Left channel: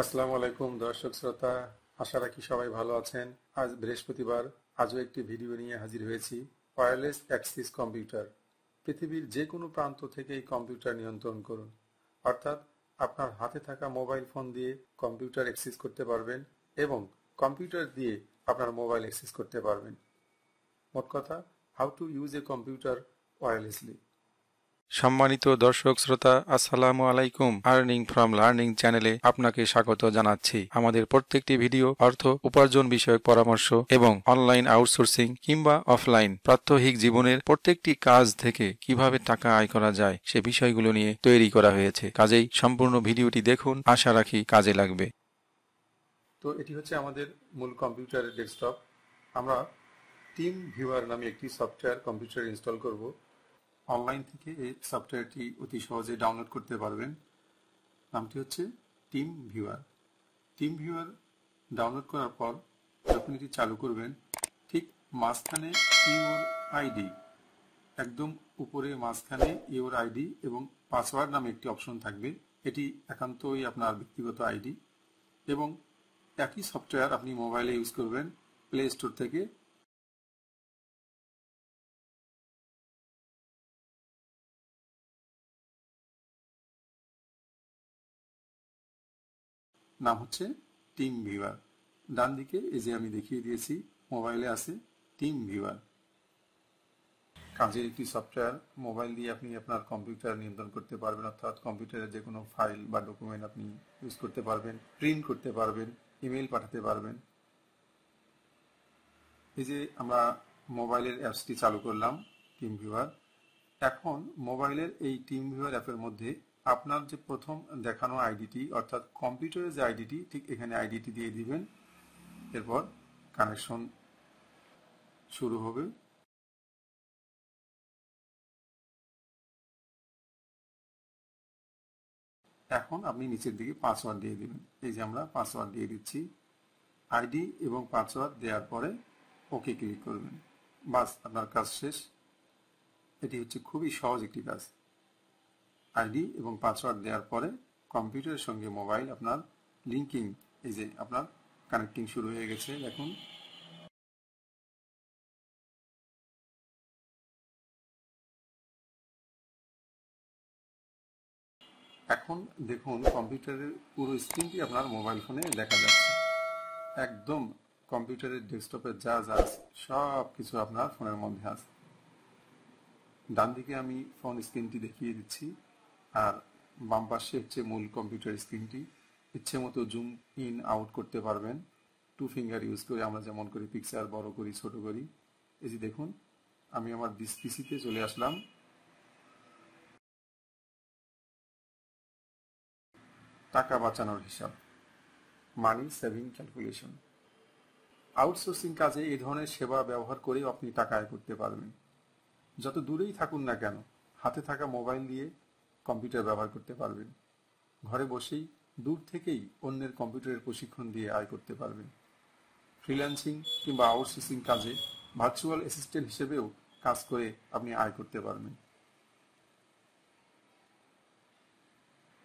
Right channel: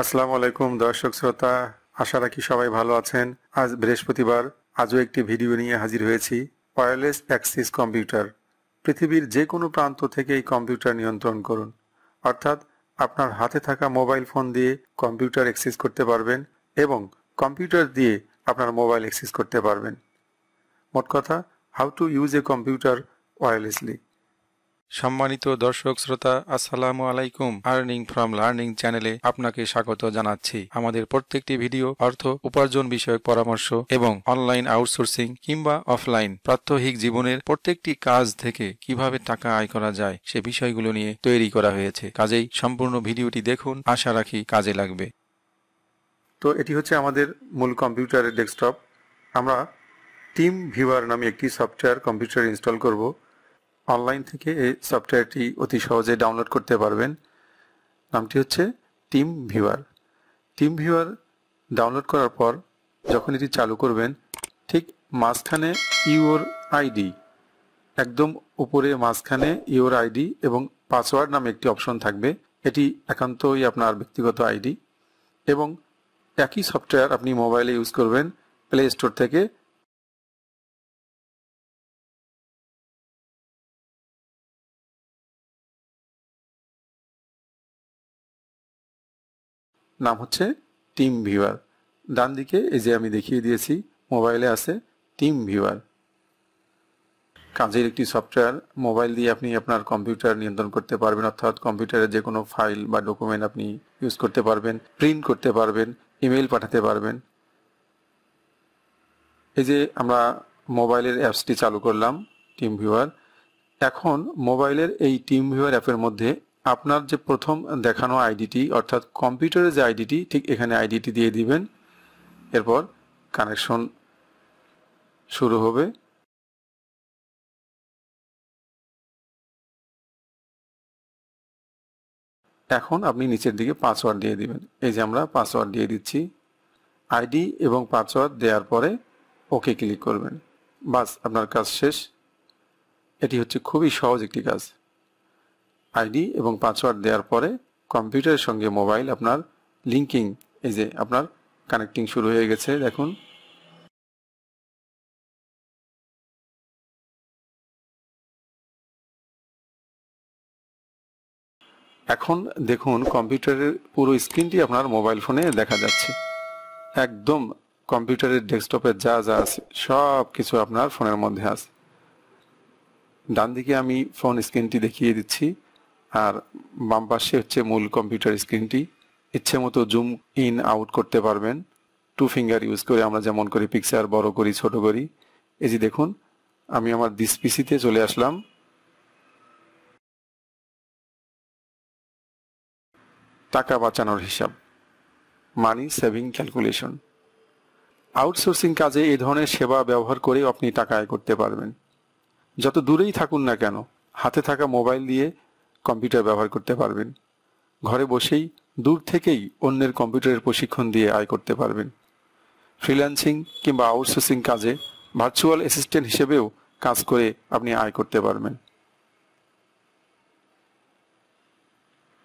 আসসালামু আলাইকুম দর্শক শ্রোতা, আশা রাখি সবাই ভালো আছেন। আজ বৃহস্পতিবার, আজও একটি ভিডিও নিয়ে হাজির হয়েছি। Wireless access computer. পৃথিবীর যে কোনো প্রান্ত থেকে এই কম্পিউটার নিয়ন্ত্রণ করুন, অর্থাৎ আপনার হাতে থাকা মোবাইল ফোন দিয়ে কম্পিউটার অ্যাক্সেস করতে পারবেন এবং কম্পিউটার দিয়ে আপনার মোবাইল অ্যাক্সেস করতে পারবেন। মোট কথা, how to use a computer wirelessly. সম্মানিত দর্শক শ্রোতা, আসসালামু আলাইকুম। আর্নিং ফ্রম লার্নিং চ্যানেলে আপনাকে স্বাগত জানাচ্ছি। আমাদের প্রত্যেকটি ভিডিও অর্থ উপার্জন বিষয়ক পরামর্শ এবং অনলাইন আউটসোর্সিং কিংবা অফলাইন প্রাত্যহিক জীবনের প্রত্যেকটি কাজ থেকে কিভাবে টাকা আয় করা যায় সে বিষয়গুলো নিয়ে তৈরি করা হয়েছে। কাজেই সম্পূর্ণ ভিডিওটি দেখুন, আশা রাখি কাজে লাগবে। তো এটি হচ্ছে আমাদের মূল কম্পিউটারের ডেস্কটপ। আমরা টিম ভিউয়ার নামে একটি সফটওয়্যার কম্পিউটারে ইনস্টল করব। অনলাইন থেকে এই সফটওয়্যারটি অতি সহজে ডাউনলোড করতে পারবেন। নামটি হচ্ছে team viewer. Team viewer download করার পর যখন এটি চালু করবেন, ঠিক মাঝখানে ইউর আইডি, একদম উপরে মাঝখানে ইউর আইডি এবং পাসওয়ার্ড নামে একটি অপশন থাকবে। এটি একান্তই আপনার ব্যক্তিগত আইডি এবং একই সফটওয়্যার আপনি মোবাইলে ইউজ করবেন প্লে স্টোর থেকে। নাম হচ্ছে টিম ভিউয়ার। ডান দিকে এই যে আমি দেখিয়ে দিয়েছি, মোবাইলে আছে টিম ভিউয়ার। কাজের একটি সফটওয়্যার, মোবাইল দিয়ে আপনি আপনার কম্পিউটার নিয়ন্ত্রণ করতে পারবেন, অর্থাৎ কম্পিউটারে যে কোনো ফাইল বা ডকুমেন্ট আপনি ইউজ করতে পারবেন, প্রিন্ট করতে পারবেন, ইমেল পাঠাতে পারবেন। এই যে আমরা মোবাইলের অ্যাপসটি চালু করলাম, টিম ভিউয়ার। এখন মোবাইলের এই টিম ভিউয়ার অ্যাপের মধ্যে আপনার যে প্রথম দেখানো আইডিটি, অর্থাৎ কম্পিউটারের যে আইডিটি, ঠিক এখানে আইডিটি দিয়ে দিবেন। এরপর কানেকশন শুরু হবে। এখন আপনি নিচের দিকে পাসওয়ার্ড দিয়ে দিবেন। এই যে আমরা পাসওয়ার্ড দিয়ে দিচ্ছি। আইডি এবং পাসওয়ার্ড দেওয়ার পরে ওকে ক্লিক করবেন। বাস, আপনার কাজ শেষ। এটি হচ্ছে খুবই সহজ একটি কাজ। আইডি এবং পাসওয়ার্ড দেওয়ার পরে কম্পিউটারের সঙ্গে মোবাইল আপনার লিঙ্কিং, এই যে আপনার কানেক্টিং শুরু হয়ে গেছে, দেখুন। এখন দেখুন কম্পিউটারের পুরো স্ক্রিনটি আপনার মোবাইল ফোনে দেখা যাচ্ছে। একদম কম্পিউটারের ডেস্কটপে যা যা আছে সব কিছু আপনার ফোনের মধ্যে আছে। ডান দিকে আমি ফোন স্ক্রিনটি দেখিয়ে দিচ্ছি, আর বাম পাশে হচ্ছে মূল কম্পিউটার স্ক্রিনটি। ইচ্ছে মতো জুম ইন আউট করতে পারবেন টু ফিঙ্গার ইউজ করে, আমরা যেমন করি পিকচার বড় করি ছোট করি। এই যে দেখুন, আমি আমার দিস পিসিতে চলে আসলাম। টাকা বাঁচানোর হিসাব, মানি সেভিং ক্যালকুলেশন। আউটসোর্সিং কাজে এই ধরনের সেবা ব্যবহার করে আপনি টাকা আয় করতে পারবেন। যত দূরেই থাকুন না কেন, হাতে থাকা মোবাইল দিয়ে কম্পিউটার ব্যবহার করতে পারবেন। ঘরে বসেই দূর থেকেই অন্যের কম্পিউটারের প্রশিক্ষণ দিয়ে আয় করতে পারবেন। ফ্রিল্যান্সিং কিংবা আউটসোর্সিং কাজে ভার্চুয়াল অ্যাসিস্ট্যান্ট হিসেবেও কাজ করে আপনি আয় করতে পারবেন।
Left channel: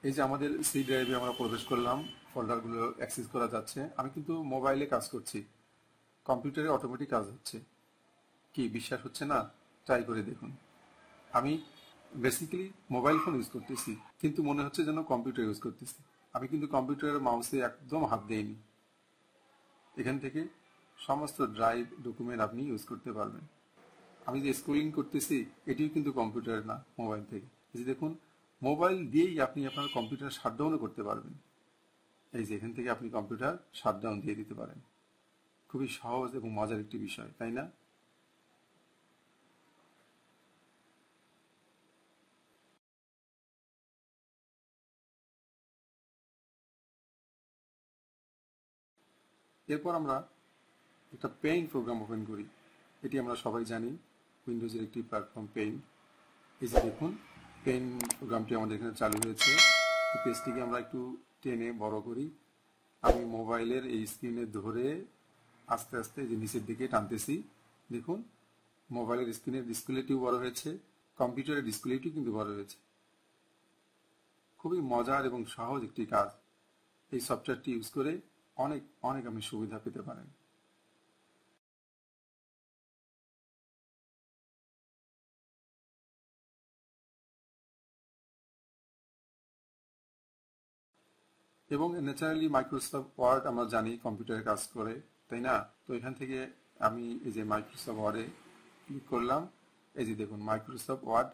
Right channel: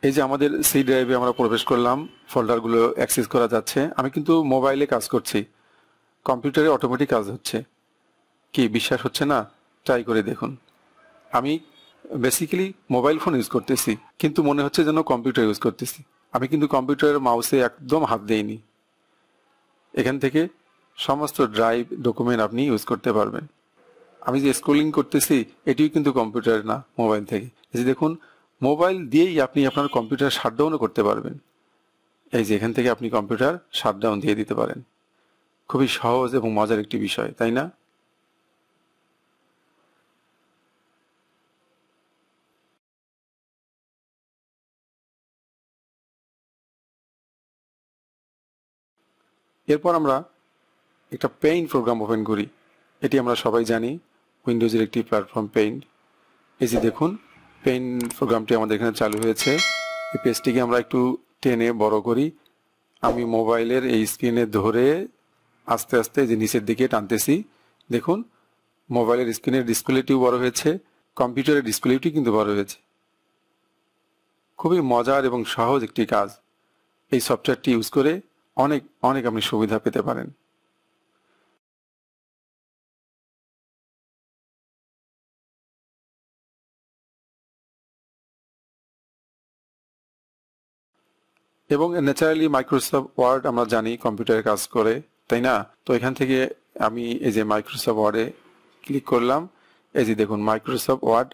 এই যে আমাদের সি ড্রাইভে আমরা প্রবেশ করলাম, ফোল্ডারগুলো অ্যাক্সেস করা যাচ্ছে। আমি কিন্তু মোবাইলে কাজ করছি, কম্পিউটারে অটোমেটিক কাজ হচ্ছে। কি বিশ্বাস হচ্ছে না? ট্রাই করে দেখুন। আমি বেসিক্যালি মোবাইল ফোন ইউজ করতেছি, কিন্তু মনে হচ্ছে যেন কম্পিউটার ইউজ করতেছি। আমি কিন্তু কম্পিউটারের মাউসে একদম হাত দেইনি। এখান থেকে সমস্ত ড্রাইভ ডকুমেন্ট আপনি ইউজ করতে পারবেন। আমি যে স্ক্রলিং করতেছি এটিও কিন্তু কম্পিউটার না, মোবাইল থেকে। এই যে দেখুন, মোবাইল দিয়েই আপনি আপনার কম্পিউটার শাটডাউনও করতে পারবেন। এই যে এখান থেকে আপনি কম্পিউটার শাটডাউন দিয়ে দিতে পারেন। খুবই সহজ এবং মজার একটি বিষয়, তাই না? এরপর আমরা একটা পেইন্ট প্রোগ্রাম ওপেন করি। এটি আমরা সবাই জানি, উইন্ডোজের একটি প্ল্যাটফর্ম পেইন্ট। এই যে দেখুন, পেইন্ট প্রোগ্রামটি আমাদের এখানে চালু হয়েছে। এই পেজটিকে আমরা একটু টেনে বড় করি। আমি মোবাইলের এই স্ক্রিনে ধরে আস্তে আস্তে যে নিচের দিকে টানতেছি, দেখুন মোবাইলের স্ক্রিনের ডিসপ্লেটিও বড় হয়েছে, কম্পিউটারের ডিসপ্লেটি কিন্তু বড় হয়েছে। খুবই মজার এবং সহজ একটি কাজ। এই সফটওয়্যারটি ইউজ করে অনেক অনেক আপনি সুবিধা পেতে পারেন। এবং ন্যাচারালি মাইক্রোসফট ওয়ার্ড আমরা জানি কম্পিউটারে কাজ করে, তাই না? তো এখান থেকে আমি এই যে মাইক্রোসফট ওয়ার্ডে ক্লিক করলাম, এই যে দেখুন মাইক্রোসফট ওয়ার্ড,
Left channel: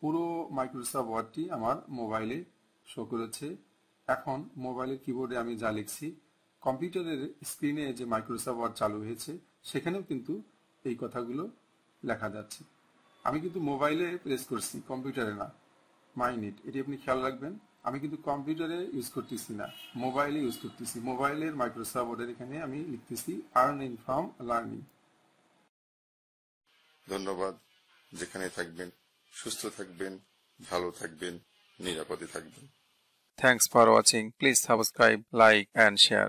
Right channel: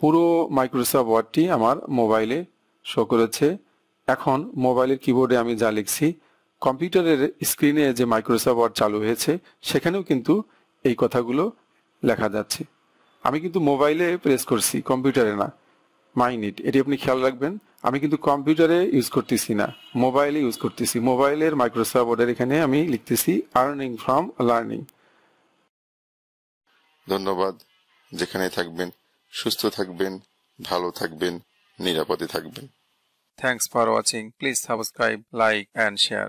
পুরো মাইক্রোসফট ওয়ার্ডটি আমার মোবাইলে শো করেছে। এখন মোবাইলের কিবোর্ডে আমি যা লিখছি, কম্পিউটারের স্ক্রিনে যে মাইক্রোসফট ওয়ার্ড চালু হয়েছে সেখানেও কিন্তু এই কথাগুলো লেখা যাচ্ছে। আমি কিন্তু মোবাইলে প্রেস করছি, কম্পিউটারে না। মাইনিট, এটি আপনি খেয়াল রাখবেন। আমি কিন্তু কম্পিউটারে ইউজ করতেছি না, মোবাইলে ইউজ করতেছি। মোবাইলের মাইক্রোসফট ওয়ার্ডের এখানে আমি লিখতেছি আর্নিং ফ্রম লার্নিং। ধন্যবাদ। যেখানে থাকবেন সুস্থ থাকবেন, ভালো থাকবেন, নিরাপদে থাকবেন। Thanks for watching. Please subscribe, like and share.